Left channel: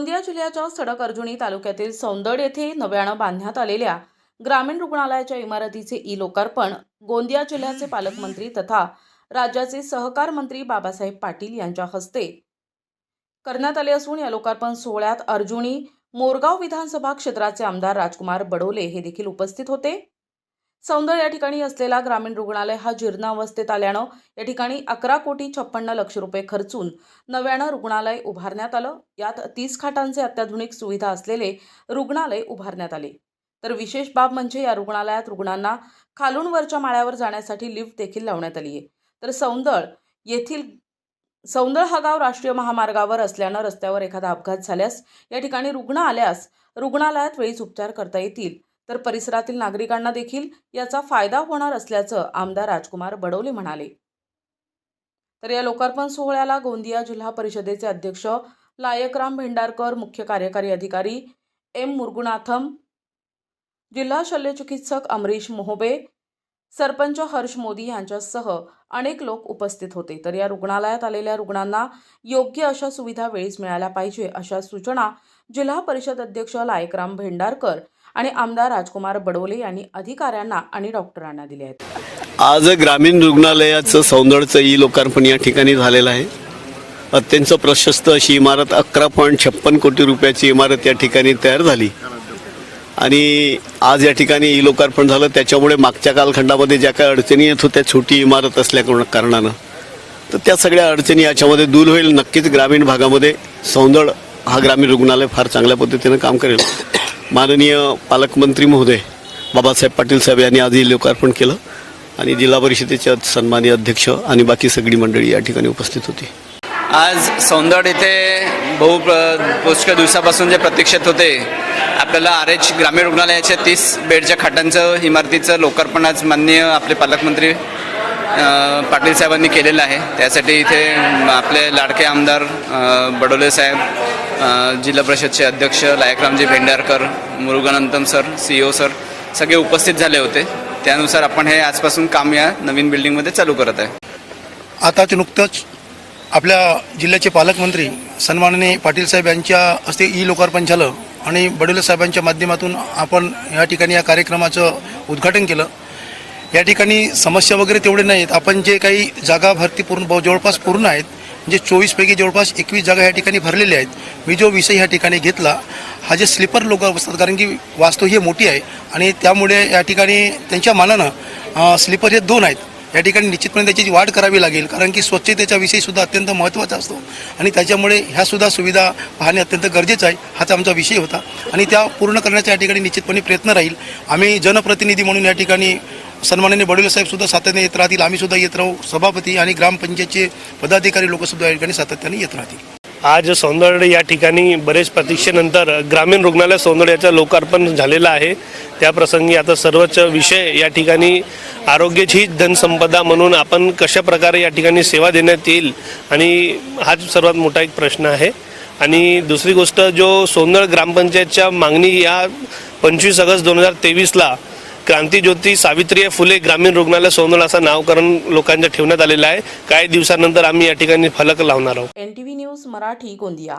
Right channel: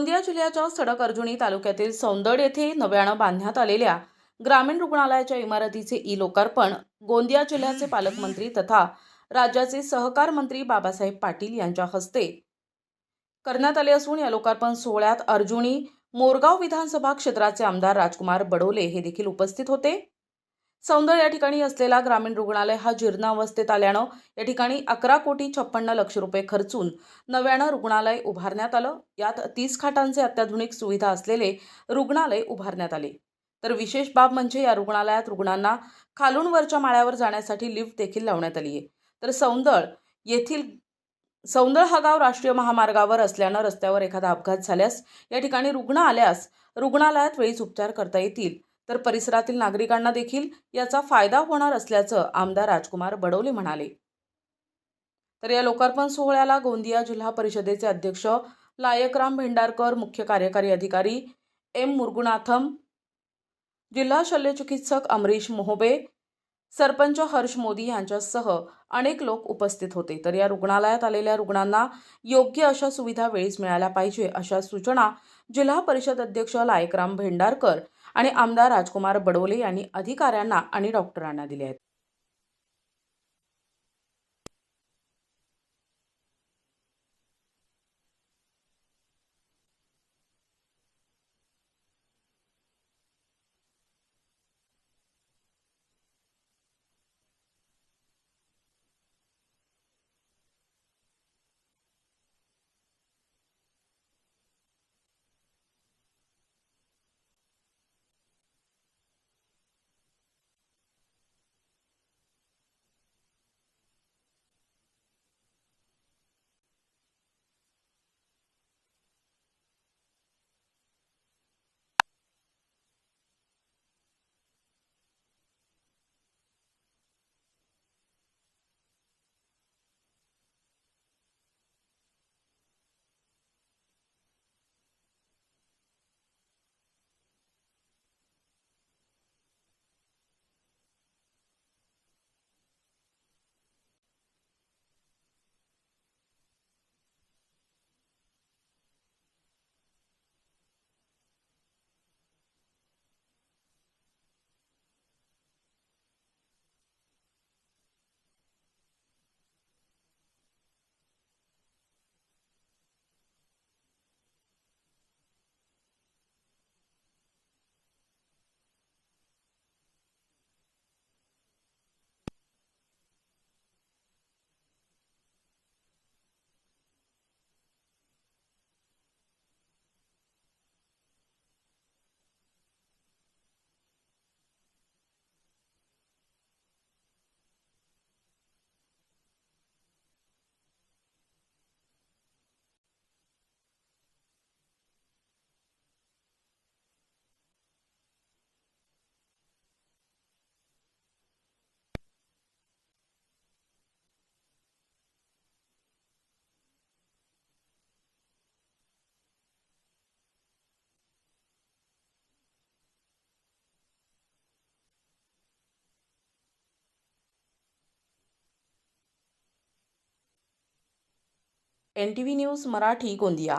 गोंदिया जिल्ह्याच्या सडक अर्जुनी तालुक्यातील सौंदड येथे नव्यानं बांधण्यात आलेल्या ग्रामीण रुग्णालयाच्या इमारतीचे लोकार्पण गोंदिया जिल्ह्याचे पालकमंत्री तथा राज्याचे सहकार मंत्री बाबासाहेब पाटील यांच्या हस्ते करण्यात आले असून या लोकार्पण सोहळ्यात अर्जुनी मोरगाव विधानसभा क्षेत्राचे आमदार राजकुमार बडोले हे देखील उपस्थित होते। सौंदड या ठिकाणी असलेला ग्रामीण रुग्णालय हा जीर्ण अवस्थेत आल्यानं या ठिकाणी 11,56,00,000 रुपये खर्चून नव्यानं रुग्णालय उभारण्यात आलं। यात 30 खाटांचे अत्याधुनिक सुविधा असलेले रुग्णालय उभारण्यात आले। तर विशेष बाब म्हणजे या रुग्णालयात रुग्णांना खालून वरच्या माळ्यावर जाण्यासाठी लिफ्ट देखील लावण्यात आली आहे। तर सौंदड हा गाव राष्ट्रीय महामार्गावर असल्यानं रस्त्यावर एखादा अपघात झाल्यास या ठिकाणी रुग्ण आल्यास रुग्णालयात वेळीच उपचार करता येतील। तर परिसरातील नागरिकांना देखील याचा फायदा होणार असल्याचं आमदार राजकुमार बडोले म्हणाले। तर या लोकार्पण सोहळ्याला गोंदिया जिल्हा परिषदेचे अध्यक्ष लायकराम भेंडारकर, मुख्य कार्यकारी अधिकारी एम मुरगुनाथम, जिल्हा शल्यचिकित्सक अमरीश मोहबे, सरपंच हर्ष मोदी यांच्यासह अनेक लोक उपस्थित होते। तर या रुग्णालयात आलेल्या रुग्णांना योग्य अशा सुविधा वेळीच मिळाल्या पाहिजे अशा सूचना जिल्हा परिषद अध्यक्ष लायकराम भेंडारकर आणि आमदार राजकुमार बडोले यांनी अधिकाऱ्यांना आणि डॉक्टरांना दिले आहेत। आज ग्रामीण रुग्णालयाचं सौंदडचं लोकार्पण या ठिकाणी झालेलं आहे। अत्यंत प्रशस्त अशी इमारत 11.56 कोटी रुपयाची इमारत या ठिकाणी तयार झाली आणि आज या ठिकाणी लोकार्पण झालं। त्याच्यामुळे मागच्या कालखंडामध्ये ज्या काही अडचणी येत होत्या छोटी इमारत असल्या कारणानं, तर त्या सगळ्या अडचणी याच्यामध्ये दूर होईल। नक्कीच ग्रामीण भागामध्ये सौंदड हा ग्रामीण रुग्णालय फार चांगल्या पद्धतीनं काम करेल। माननीय पालकमंत्री महोदय बाबासाहेब पाटील साहेब यांनी आज लोकार्पण केलं आणि जिल्हा परिषदेचे सन्माननीय अध्यक्ष आणि बाकी सगळी मंडळी या ठिकाणी उपस्थित होती। आज सौंदड इथे पुष्कळ दिवसापासून जे प्रतीक्षित होते, आपल्याला RH ग्रामीण रुग्णालयाच्या 30 बेडच्या खाटांचं इमारतीचं लोकार्पण आज माननीय आपले पालकमंत्री पाटील साहेबांनी केलेलं आहे। त्यासाठी इथे आपले लाडके आमदार बडोले साहेब, जिल्हा परिषदचे अध्यक्ष लायकरामजी भेंडारकर, मुरुगनंतम सर, CEO सर सगळे उपस्थित झाले होते। त्यानुसार आपण हे आजपासून काम या नवीन बिल्डिंगमध्ये चालू करत आहे। आताच नुकतंच आपल्या जिल्ह्याचे पालकमंत्री सन्माननीय पाटील साहेब यांच्या हस्ते लोकार्पण झालं आणि बडोले साहेबांच्या माध्यमातून आपण या ठिकाणी या कार्यक्रमाचं उद्घाटन केलं। या ठिकाणी समस्या वगैरे तेवढे नाहीत। आपण जे काही जागा भरती जवळपास पूर्ण आहेत, म्हणजे 24 पैकी जवळपास 21 जागा या ठिकाणी भरलेल्या आहेत। मी जो विषय या ठिकाणी घेतला हा जे स्लीपर लोक असतात, कारण की वास्तू ही मोठी आहे आणि त्यामुळे या ठिकाणी त्यांच्या मानानं स्लीपर हे 2 आहेत। या ठिकाणी निश्चितपणे त्याची वाढ करावी लागेल, कारण की स्वच्छतेचा विषयसुद्धा अत्यंत महत्त्वाचा असतो आणि त्याच्यामुळे ह्यासुद्धा सुविधा पाहणे अत्यंत गरजेचं आहे। हाच आमचा विषय होता आणि त्या पूर्ण करण्याचा या ठिकाणी निश्चितपणे प्रयत्न राहील। आम्ही जनप्रतिनिधी म्हणून या ठिकाणी सन्माननीय बडोले साहेबसुद्धा सातत्याने येत राहतील, आम्हीसुद्धा येत राहू, सभापती आणि ग्रामपंचायतचे पदाधिकारी लोकसुद्धा या ठिकाणी सातत्याने येत राहतील। आज सौंदड या ठिकाणी बरेच प्रतीक्षेनंतर ग्रामीण रुग्णालय सौंदड याचं लोकार्पण झालेलं आहे। त्या प्रसंगी आता सर्वच विषय या ठिकाणी आरोग्याची धनसंपदा म्हणून आपण कशा प्रकारे या ठिकाणी सेवा देण्यात येईल आणि हाच सर्वात मोठा एक प्रश्न आहे। आणि दुसरी गोष्ट, जो सौंदड ग्रामपंचायतच्या मागणी या 25 ऑगस्ट 2023ला क्रांतीज्योती सावित्रीबाई फुले ग्रामीण रुग्णालय सौंदड असं नामकरण लोकांच्या ठेवण्यात आलेलं आहे। काही दिवसानंतर आम्ही या ठिकाणी फलक लावणार आहोत। NTV news Marathi, Gondia.